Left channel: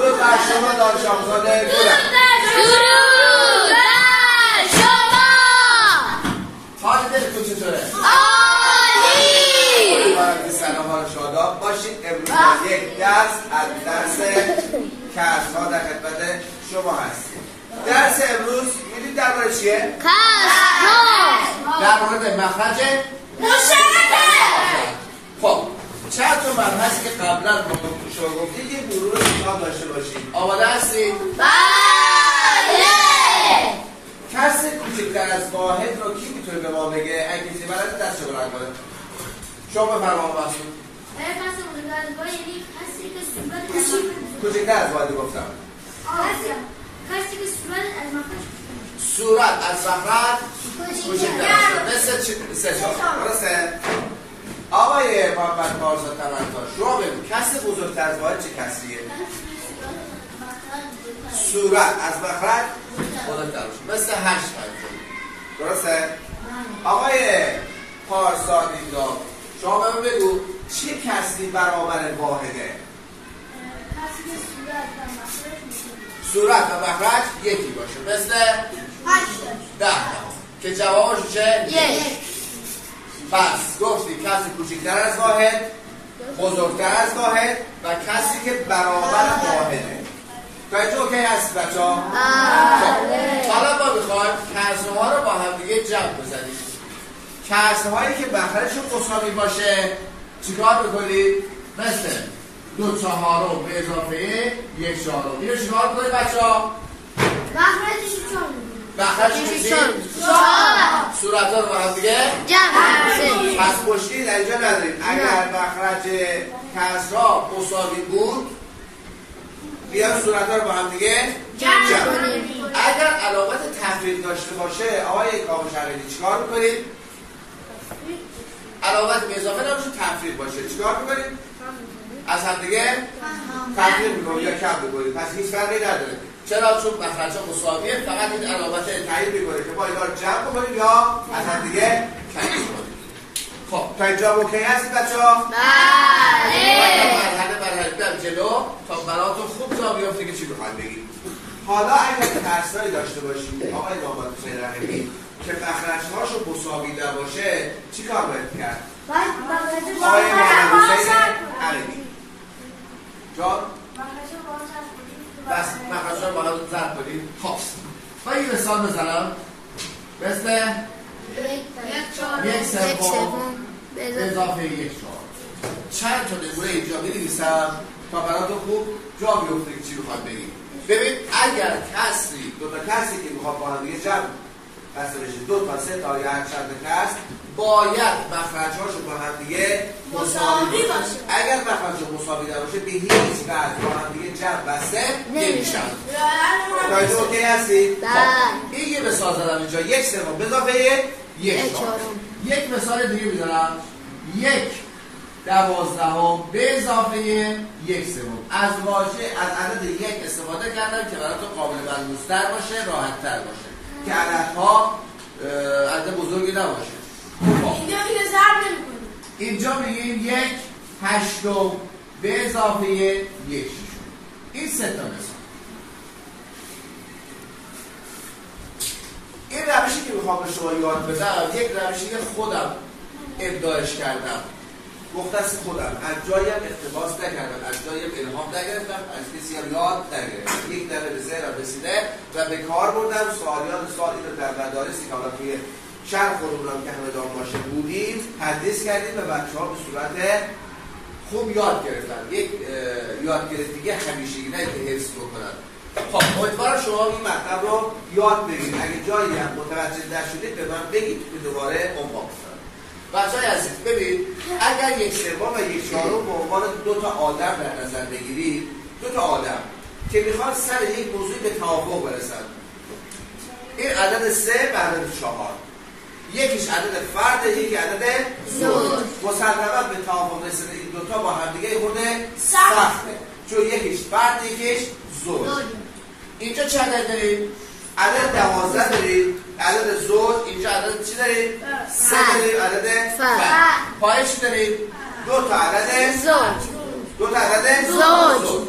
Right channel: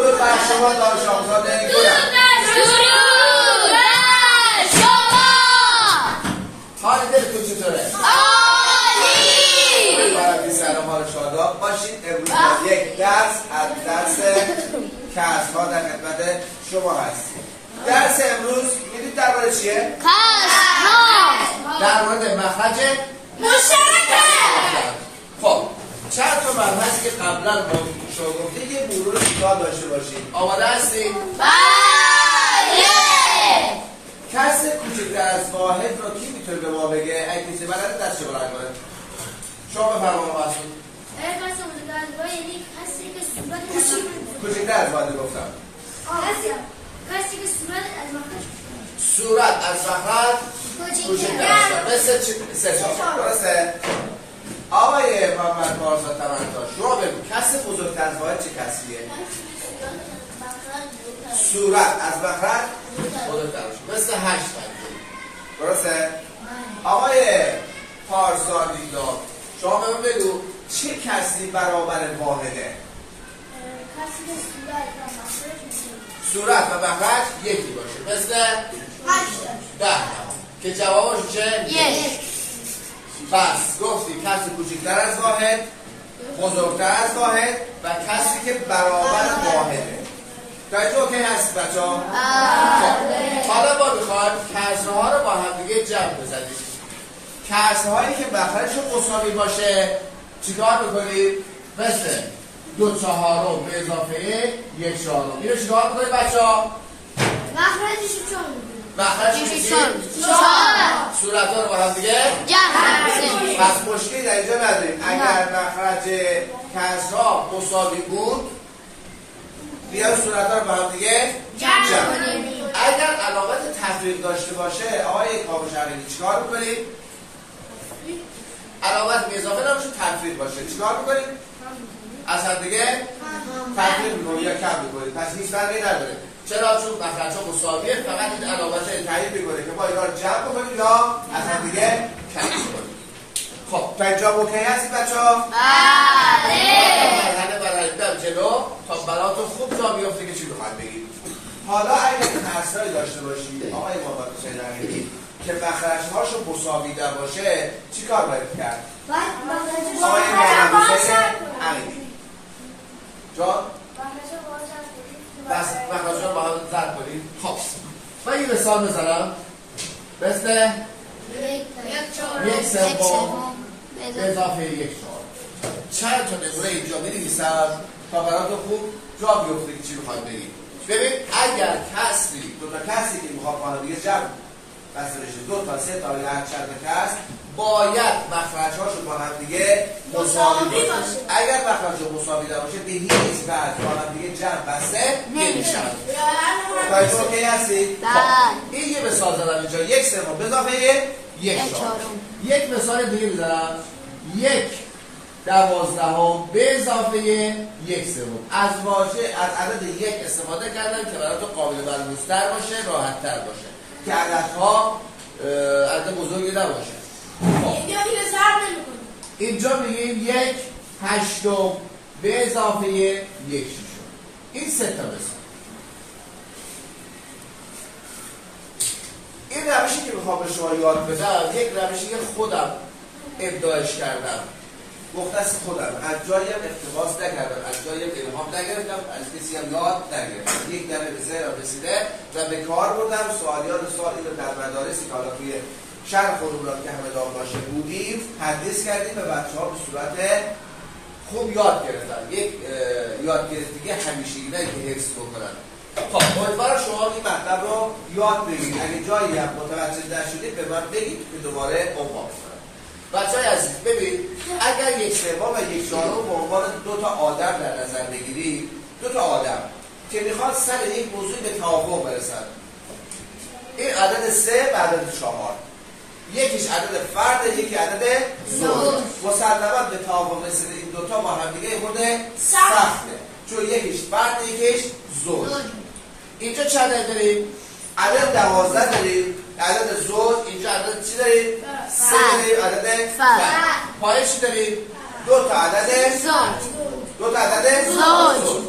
درود بر شما دانش آموزان گلم. درود بر شما. حال دلتون چطوره؟ عالی. باید سلام حال شاداب باشید. امروز یک درس از درس کسرها در خدمت شما هستیم. درس امروز میدونید درباره چیه؟ کسرها. در مورد مخرج مشترک. خب چند تا مبحثی که قبلا با شما گفتید یه مرور کوتاه داشته باشید. آماده هستید؟ بله. کسی کوچکتر از واحد رو کی میتونه به ما بگه؟ اگه کسی بلده دستش بلند کنه. شما بفرمایید باشید. کسی کوچکتر از واحد یعنی کسی که صورت کوچکتر از واحد گفتم. کسی که صورت از مخرج صورت از مخرج کوچکتر است. مثل سه شما. درسته؟ آقای محمد پارسا تمن‌ها شما بگو کسی بزرگتر از واحد چه کسیه؟ صورت از مخرج بزرگتر است. مثل 8 درسته؟ آقای پارسا دیدار شما به من بگو چه کسی برابر واحده؟ کسی که صورت و مخرج یکی باشه مثل 10 که جوابش چه؟ 1. بس گفتی کسی کوچکتر از واحد بزرگتر از واحد و کسی که برابر واحده. تا اینجا اوکی هست بچه ها؟ حالا ما میخوایم کسرها رو با هم دیگه جمع بزنیم. کسرهایی که مخرجشون مساوی باشه چیکار بکنیم؟ مثل 2/4 به اضافه 1/4. اینو چیکار بکنیم بچه ها؟ مخرجش چون مخرجش صورت ها رو با هم دیگه جمع. پس مشکلی در اینجا نداریم. اگر مخرج کسرها مساوی بود بیان صورت ها رو با هم دیگه جمع کنیم. اگر علامت تفریق داشته باشه آقای کاموشرینی چیکار میکنیم؟ علامت به اضافه نامشون تفریق باشه چیکار میکنیم؟ از هم دیگه تفریق میکنیم یا کم میکنیم. پس هیچ فرقی نداره. چرا؟ چون مخرج ها مساویه. فقط این علامت تعیین میکنه که ما اینا رو جمع بکنیم یا از هم دیگه کم میکنیم. خب تا اینجا اوکی هستید بچه‌ها؟ بله. مرحله برم جلو تا براتون خوب جا بیافته که چی بخواید بگید. حالا اگر ترسایی داشته باشید آقای محمد شیرانی که مخرج‌هاشو مساوی باشه چی کار باید کرد؟ آقای محمد شیرانی جان بس مخرج‌ها با هم زد کنیم. خب من این مثال بزنم مثل 1/3 به اضافه 1/4. چند تا نمونه اینجا بنویسم تا براتون خوب جا بیفته که چی بخواد بگید. ببین اگر کسی دو تا کسی که میخواد با هم دیگه جمع بسته بشه 2 تا 3 تا یا هر چند کس باید مخرج‌هاشو با هم دیگه مساوی باشه. اگر مخرج‌ها مساوی نباشه به هیچ وجه با هم دیگه جمع بسته نمیشن. تا اینجا اوکی هستید؟ این یه مثال دارم اینجا 1/3 به اضافه 1/4. یک مثال دیگه میذارم 1/12 به اضافه 1/3. از واژه از عدد 1 استفاده کردم که براتون قابل بلوزتر باشه راحت تر باشه که عددها عدد بزرگی نباشه. اینجا میگیم 1/8 به اضافه 1/6. این 3 تا مثال. این روشی که میخوام به شما یاد بدم یک روشی که خودم ابداعش کردم. گفته است خودم از جایی هم اقتباس نکردم، از جایی هم الهام نگرفتم، از کسی هم یاد نگرفتم. یک دفعه به ذهنم رسیده و به کار بردم. سوالیات سوالی رو در مدارسی که حالا توی شرح علوم که همدان باشه بودیم تدریس کردیم و بچه‌ها به صورت خوب یاد گرفتن. یک یادگیری همیشگی نه که حفظ بکنن. خب امیدوارم شما این مطلب رو یاد بگیرید. اگه جایی هم متوجه نشدید به من بگید که دوباره عنوان بزنم. بچه‌های عزیز ببین اگر 1/3 و 1/4 به عنوان 2 تا آدم در نظر بگیرید 2 تا آدم که میخوان سر یک موضوع به توافق برسن. این عدد 3 و عدد 4. یکیش عدد فرد یکی عدد زوج. مسلماً به توافق رسیدن این 2 تا با هم دیگه خود سخته چون یکیش فرد یکیش زوج. اینجا چند عدد داریم؟ عدد 12 داریم. عدد زوج اینجا عدد چی داریم؟ 3 داریم. عدد فرد. پایش داریم 2 تا عدد زوج. 2 تا عدد زوج.